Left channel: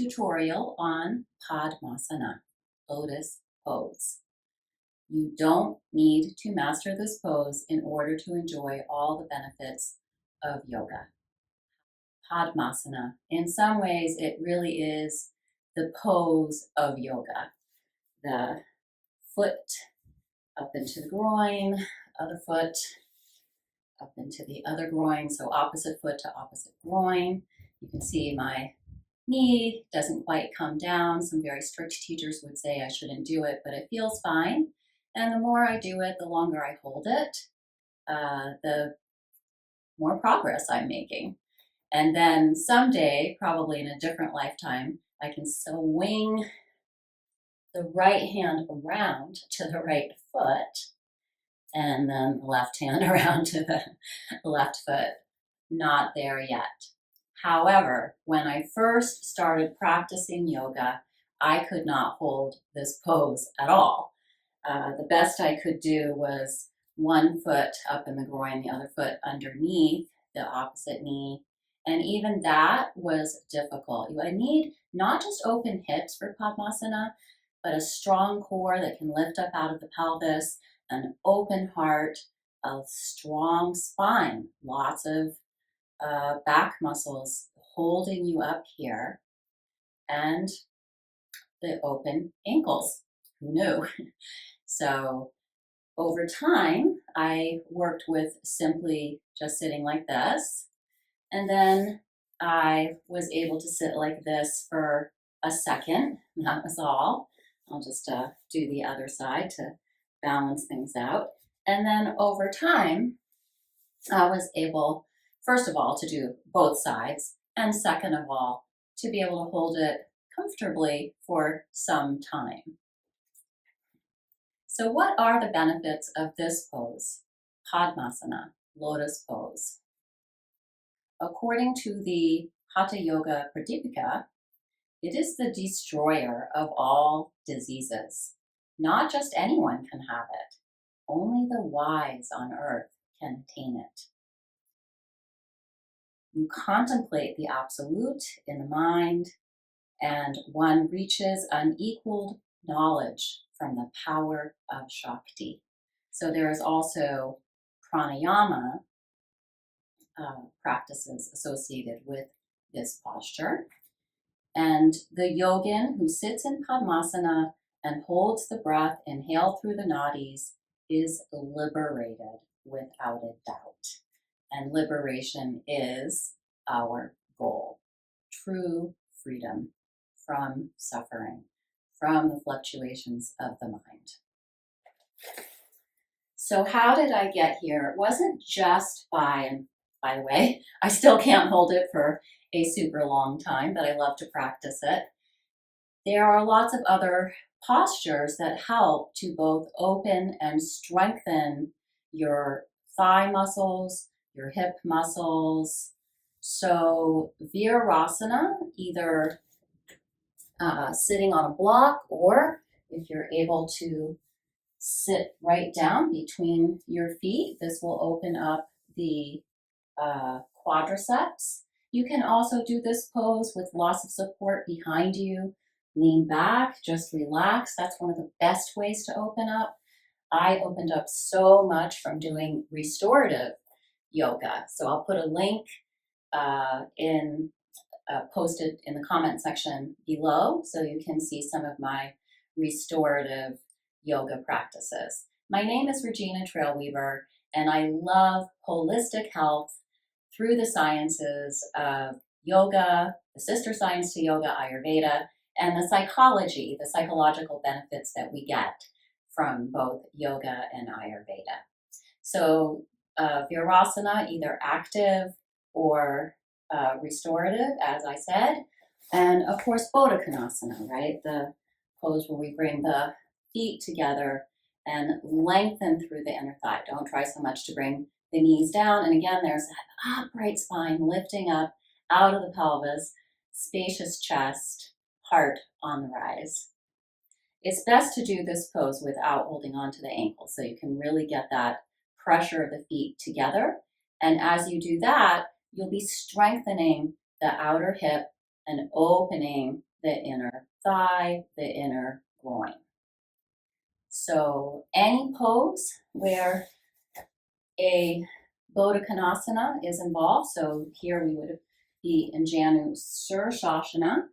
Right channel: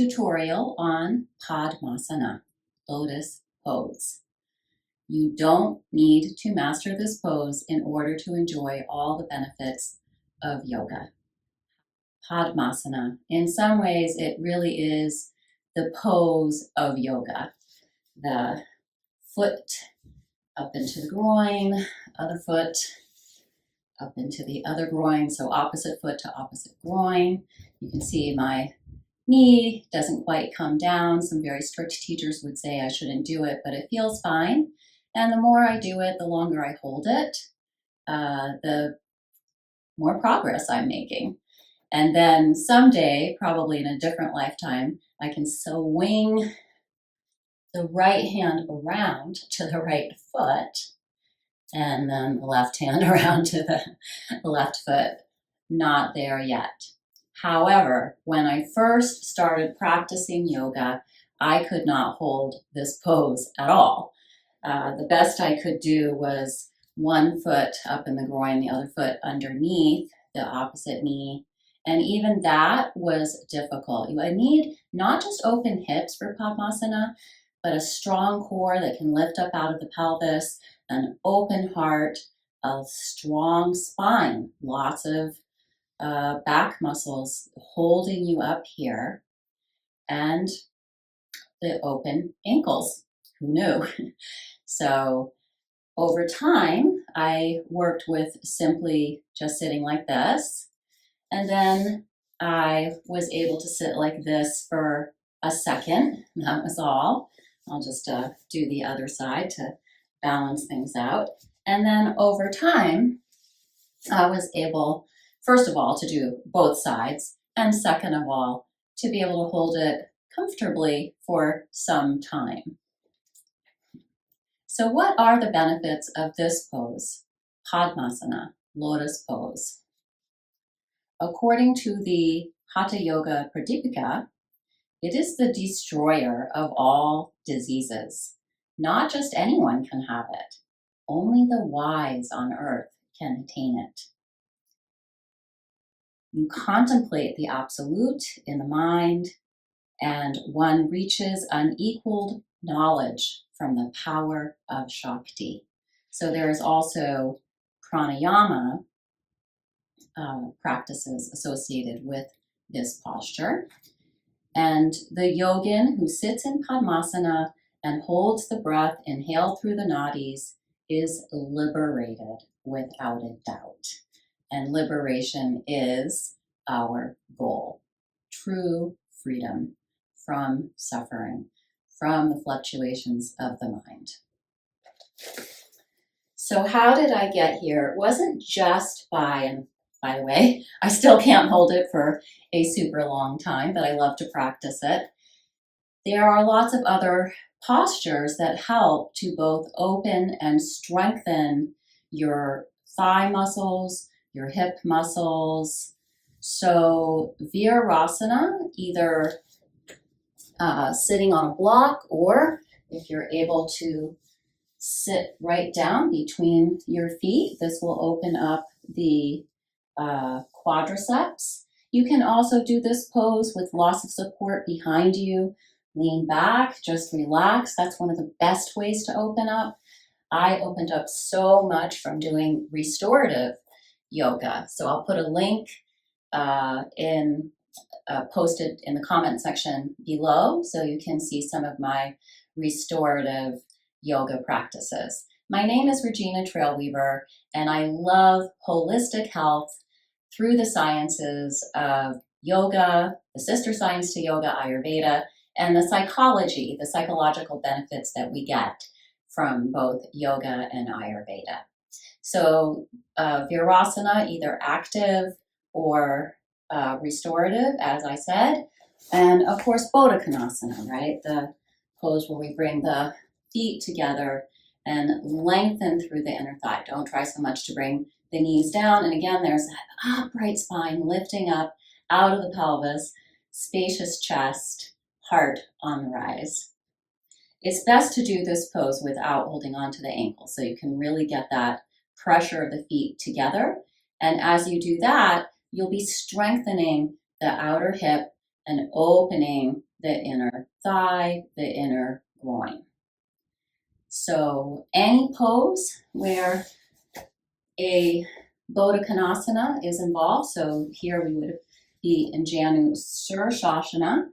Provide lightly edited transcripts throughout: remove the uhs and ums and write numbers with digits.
tutorial on Padmasana, Lotus pose. You don't need to master this pose in order to enjoy all the benefits of yoga. Padmasana, in some ways, it really is the pose of yoga. The foot up into the groin, other foot up into the other groin, so opposite foot to opposite groin. You can see my knee doesn't quite come down. Some very strict teachers would say I shouldn't do it, but it feels fine. And the more I do it, the longer I hold it, the more progress I'm making. And then someday, probably in a different lifetime, I can swing the right hand around to the right foot and then the left hand around to the left foot. Not there yet. However, when I first started practicing yoga, I could not hold this pose at all. The best I could do was one foot up in the groin, the other foot underneath the opposite knee. And even that was difficult. I need not just open hips for Padmasana, but a strong core that can lift up out of the pelvis, an open heart, a strong spine, lots of back muscles holding you up here, and the open ankles. Who knew? So over time, I worked with simply just sitting like this. And then I was able to sit like this for a second. That was all. I'll just do the other side to balance things out. And then over time, I was able, first of all, to do both sides. And second of all, to be able to hold it comfortably for some time. So what are the benefits of this pose, Padmasana, Lotus pose? According to the Hatha Yoga Pradipika, it is the destroyer of all diseases. Not just anyone can have it. Only the wise on earth can attain it. You contemplate the absolute in the mind, and one reaches unequaled knowledge from the power of Shakti. So there is also pranayama practices associated with this posture. And the yogin who sits in Padmasana and holds the breath inhaled through the nadis is liberated without a doubt. And liberation is our goal. True freedom from suffering, from the fluctuations of the mind. So how did I get here? It wasn't just and by the way, I still can't hold it for a super long time, but I love to practice it. There are lots of other postures that help to both open and strengthen your thigh muscles, your hip muscles. So Virasana, either sitting on a block, or if you're able to sit right down between your feet, this will open up the quadriceps. You can also do this pose with lots of support behind you. Lean back, just relax. That's one of the best ways to open up. I opened up so much from doing restorative yoga. So I'll put a link posted in the comment section below so you can see some of my restorative yoga practices. My name is Regina Trailweaver, and I love holistic health through the sciences of yoga, the sister science to yoga, Ayurveda, and the psychology, the psychological benefits that we get from both yoga and Ayurveda. So Virasana, either active or restorative, as I said, and of course Bodhikonasana, right? The pose where we bring the feet together and lengthen through the inner thigh. Don't try so much to bring the knees down. And again, there's that upright spine lifting up out of the pelvis, spacious chest, heart on the rise. It's best to do this pose without holding on to the ankles, so you can really get that pressure of the feet together. And as you do that, you'll be strengthening the outer hip and opening the inner thigh, the inner groin. So any pose where a Baddha Konasana is involved, so here we would be in Janu Sirsasana,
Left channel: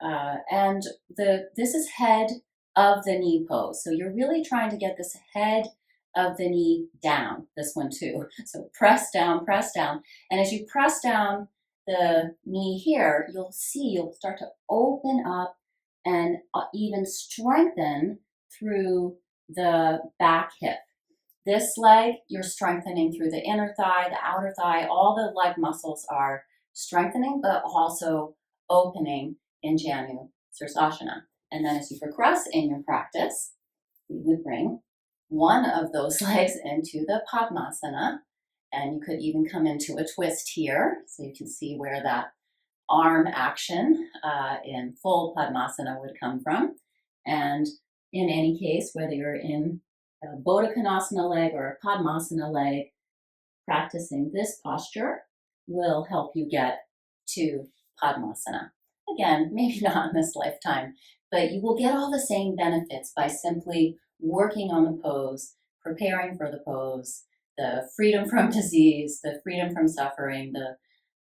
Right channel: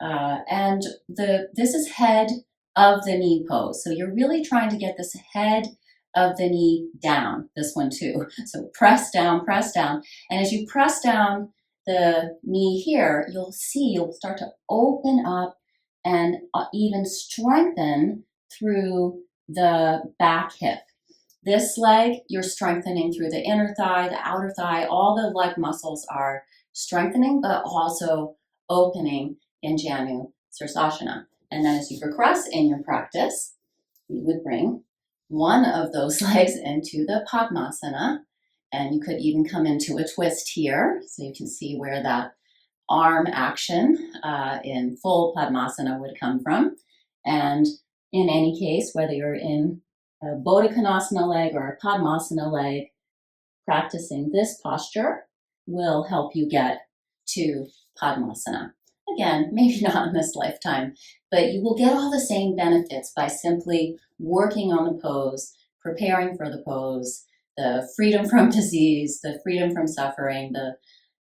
and this is head of the knee pose. So you're really trying to get this head of the knee down, this one too. So press down, and as you press down the knee here, you'll start to open up and even strengthen through the back hip. This leg, you're strengthening through the inner thigh, the outer thigh, all the leg muscles are strengthening, but also opening in Janu Sirsasana. And then as you progress in your practice, we would bring one of those legs into the Padmasana, and you could even come into a twist here, so you can see where that arm action in full Padmasana would come from. And in any case, whether you're in a Baddha Konasana leg or a Padmasana leg, practicing this posture will help you get to Padmasana. Again, maybe not in this lifetime, but you will get all the same benefits by simply working on the pose, preparing for the pose, the freedom from disease, the freedom from suffering, the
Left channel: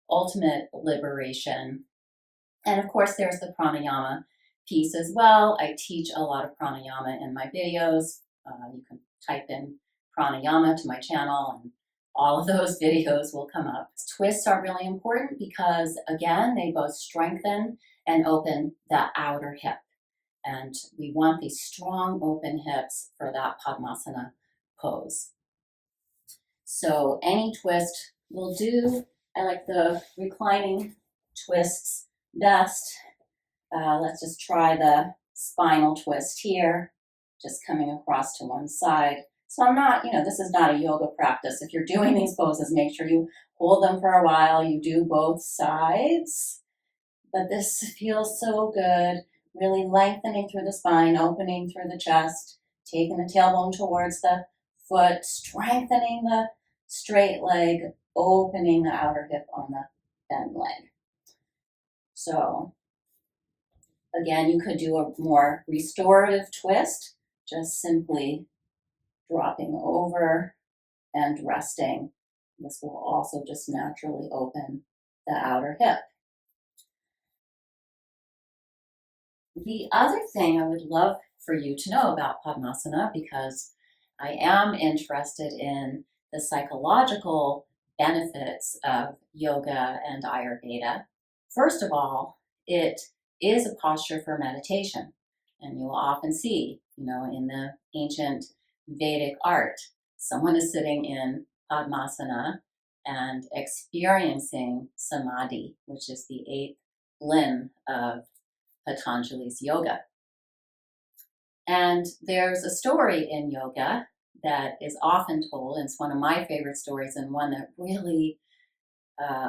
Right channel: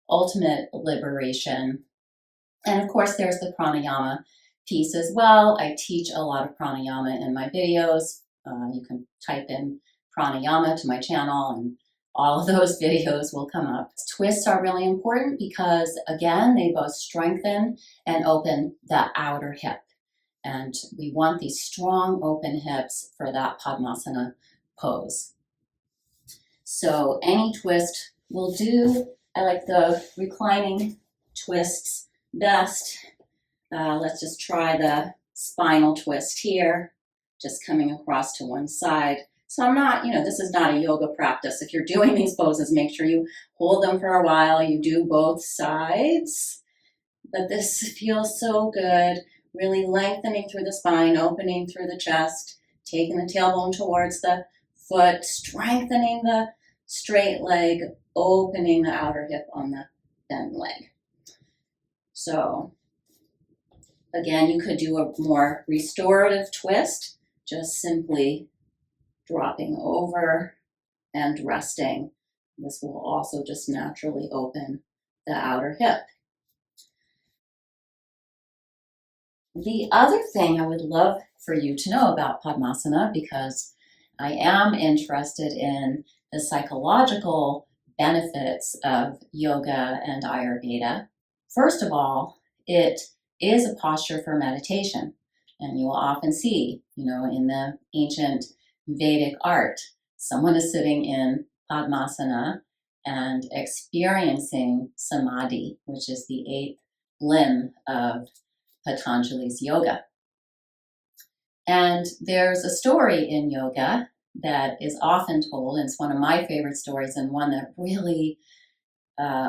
ultimate liberation. And of course, there's the pranayama piece as well. I teach a lot of pranayama in my videos. You can type in pranayama to my channel and all of those videos will come up. Twists are really important because, again, they both strengthen and open the outer hip. And we want these strong open hips for that Padmasana pose. So any twist will do. I like the reclining twists best. Let's just try the spinal twist here, just coming across to one side. So I'm not, this is not a yoga practice. If you're doing these poses, make sure you hold them for a while. You do both sides. But this feels so good. Really lengthening through the spine, opening through the chest, taking the tailbone towards the foot, strengthening the straight leg, opening the outer hip on the bent leg. So again, you could do a more restorative twist, just simply dropping over and resting. This will also just naturally open the outer hip. The other thing I would love for you to know about Padmasana, because I am interested in the psychological benefits of yoga and Ayurveda. First of all, it is a posture for meditation. And you will often see, in the ancient Vedic art, someone is sitting in Padmasana and experiencing samadhi, which is the 8th limb of Patanjali's yoga. And there's a story in yoga that is often told, and it's one of my favorite stories and one that really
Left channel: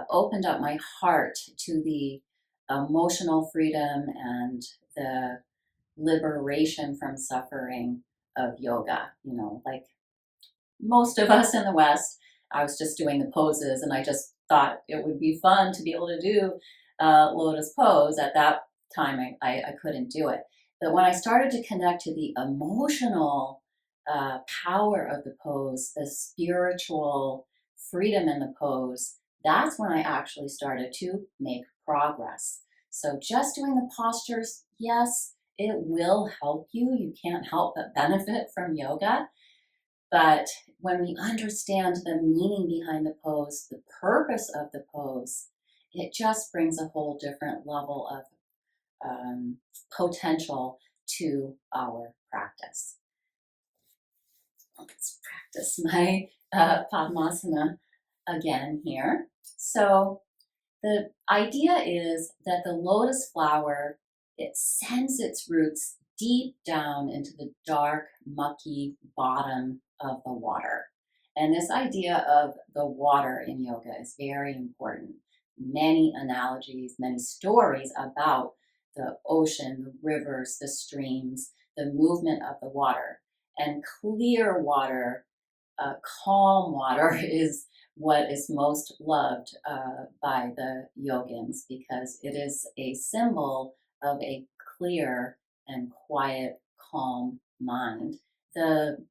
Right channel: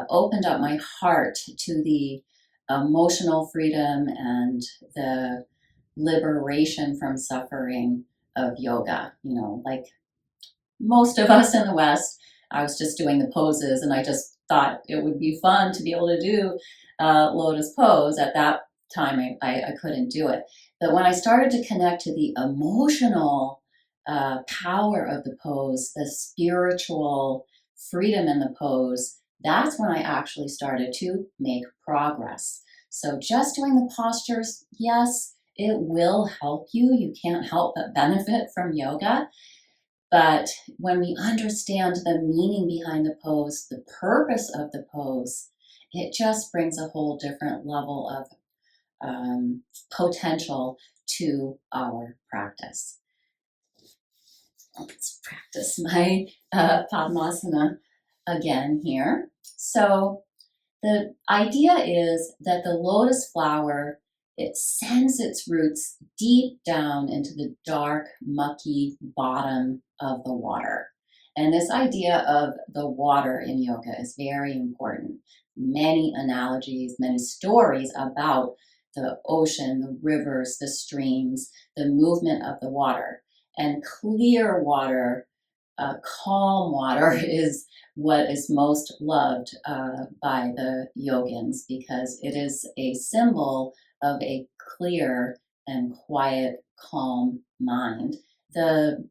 opened up my heart to the emotional freedom and the liberation from suffering of yoga. Like most of us in the West, I was just doing the poses and I just thought it would be fun to be able to do Lotus pose. At that time, I couldn't do it. But when I started to connect to the emotional power of the pose, the spiritual freedom in the pose, that's when I actually started to make progress. So just doing the postures, yes, it will help you. You can't help but benefit from yoga. But when we understand the meaning behind the pose, the purpose of the pose, it just brings a whole different level of potential to our practice. Let's practice my Padmasana again here. So the idea is that the lotus flower, it sends its roots deep down into the dark, mucky bottom of the water. And this idea of the water in yoga is very important. Many analogies, many stories about the ocean, the rivers, the streams, the movement of the water. And clear water, calm water is what is most loved by the yogins because it is a symbol of a clear and quiet, calm mind. The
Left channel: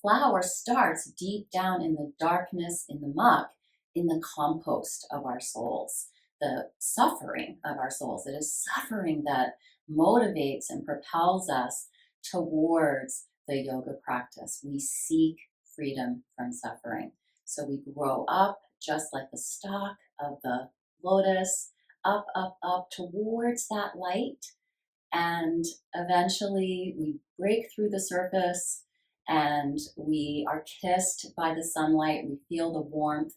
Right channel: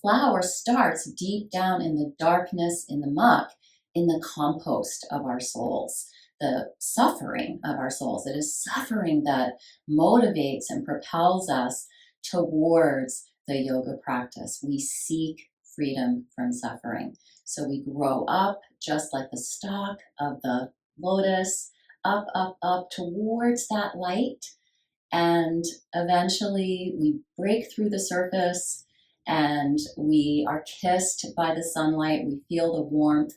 flower starts deep down in the darkness, in the muck, in the compost of our souls, the suffering of our souls. It is suffering that motivates and propels us towards the yoga practice. We seek freedom from suffering. So we grow up just like the stalk of the lotus, up, up, up towards that light. And eventually we break through the surface and we are kissed by the sunlight. We feel the warmth,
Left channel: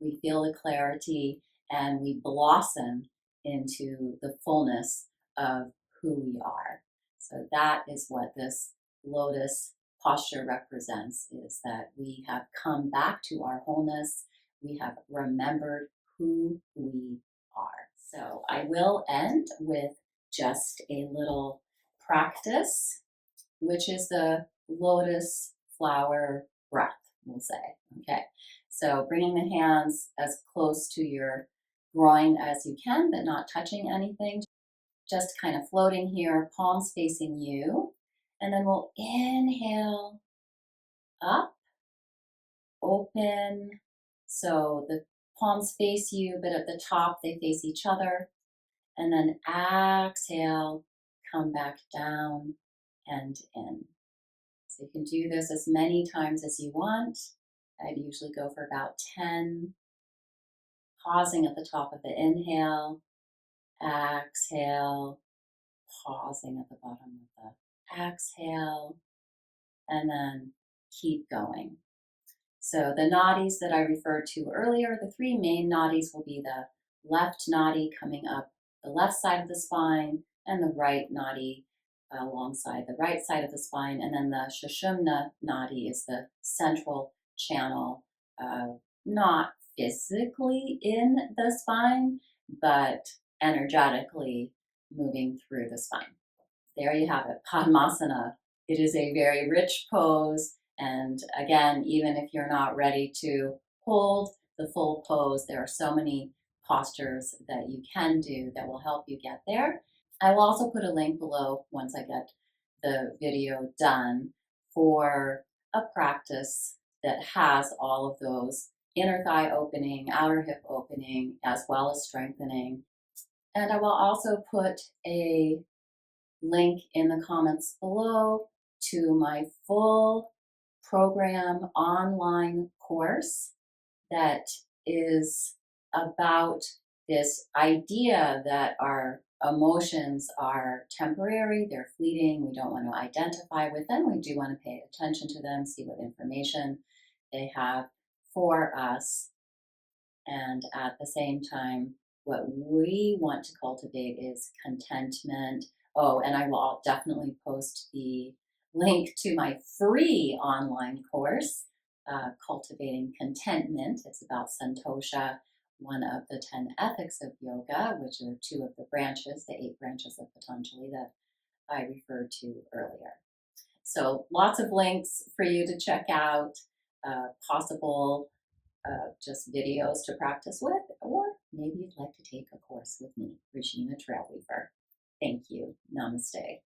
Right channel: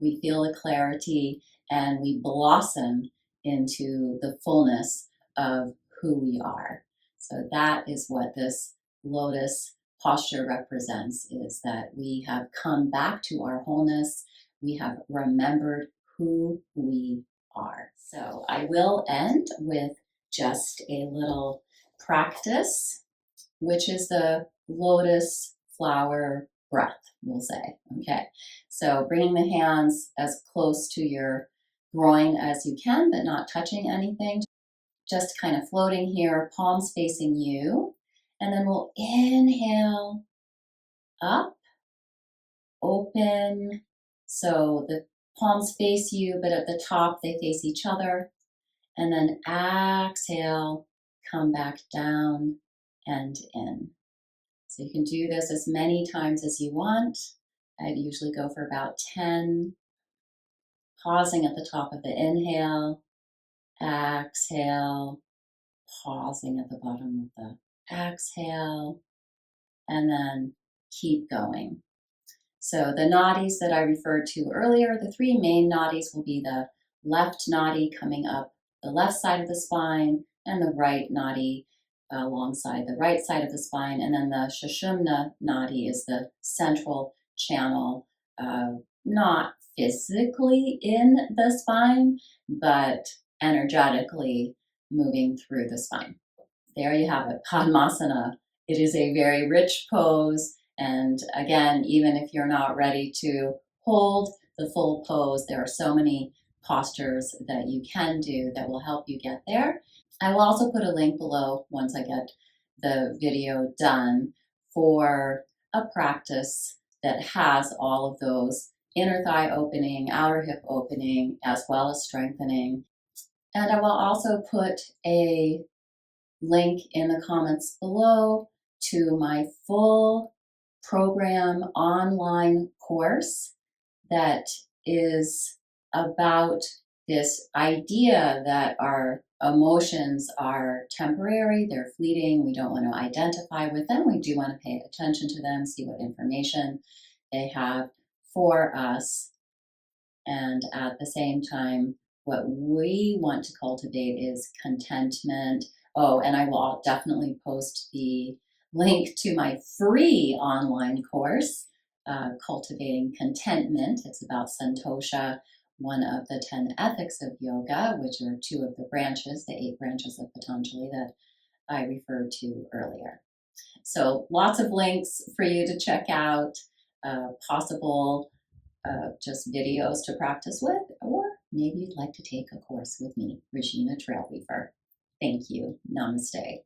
we feel the clarity, and we blossom into the fullness of who we are. So that is what this lotus posture represents, is that we have come back to our wholeness. We have remembered who we are. So I will end with just a little practice, which is the lotus flower breath, we'll say. Okay, so bringing the hands as close to your groin as you can, but not touching anything. Just kind of floating here, palms facing you. And then we'll inhale up, open. So the palms face you, but at the top they face each other. And then exhale, come back down and in. So you can do this as many times as you want. I'd usually go for about 10. Pausing at the top of the inhale, exhale, pausing at the bottom of the exhale, and then keep going. So the nadis that I referred to earlier, the three main nadis will be the left nadi coming up the left side of the spine, and the right nadi alongside the right side of the spine. And then the Sushumna nadi is the central channel, not physically in the spine, but energetically moving through the spine. There you have it, Padmasana. It is a very rich pose. And again, even if you're not ready to hold the full pose, there are so many postures that you can do that will help you get there. I will also put a link below once I get the video done for a practice that has all of those inner thigh opening, outer hip opening, as well as strengthening. And I will also put a link in the comments below to my full program online course that is about this idea that our emotions are temporary, they're fleeting, we don't want to identify with them, we do want to pay attention to them, see what information they have for us, and at the same time, what we want to cultivate is contentment. Oh, and I will definitely post the link to my free online course, Cultivating Contentment. It's about Santosha, one of the 10 ethics of yoga, which are two of the branches, the 8 branches of Patanjali that I referred to earlier. So lots of links for you to check out, possible just videos to practice with, or maybe you'd like to take a course with me, Regina Trailweaver. Thank you. Namaste.